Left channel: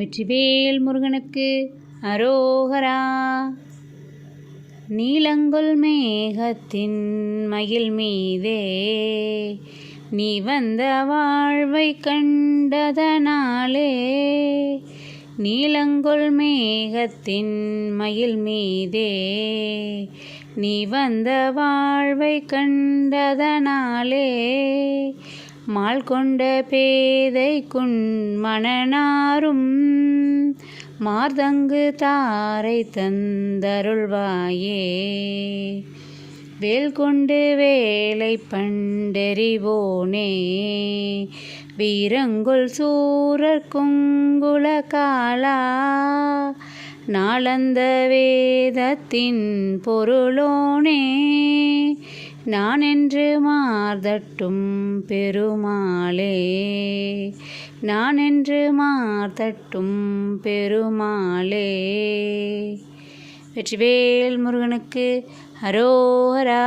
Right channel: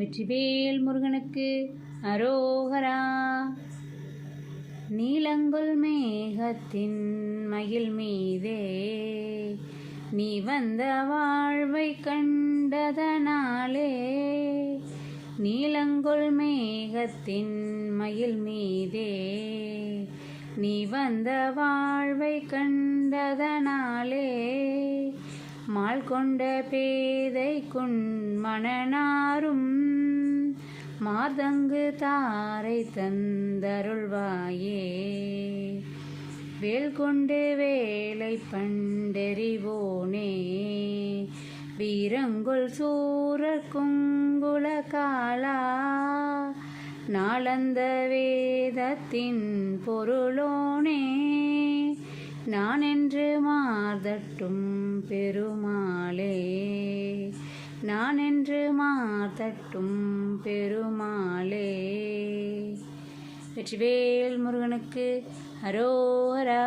வெற்றிவேல் முருகனுக்கு அரோகரா. நீலங்கொள் மேகத்தின் மயில் மீதே நீ வந்த வாழ்வை கண்டதனாலே, நீலங்கொள் மேகத்தின் மயில் மீதே நீ வந்த வாழ்வை கண்டதனாலே, மால் கொண்ட பேதைக்குன் மனநாரும் மார்தங்கு தாரை தந்தருள்வாயே. வேல் கொண்டு வேலை பண்டெறிவோனே, வீரங்கொள் சூரர் குங்குல காலா, நாளந்த வேதத்தின் பொருளோனே, நான் என்று மார்தட்டும் பெருமாளே, நான் என்று மார்தட்டும் பெருமாளே. வெற்றிவேல் முருகனுக்கு அரோகரா.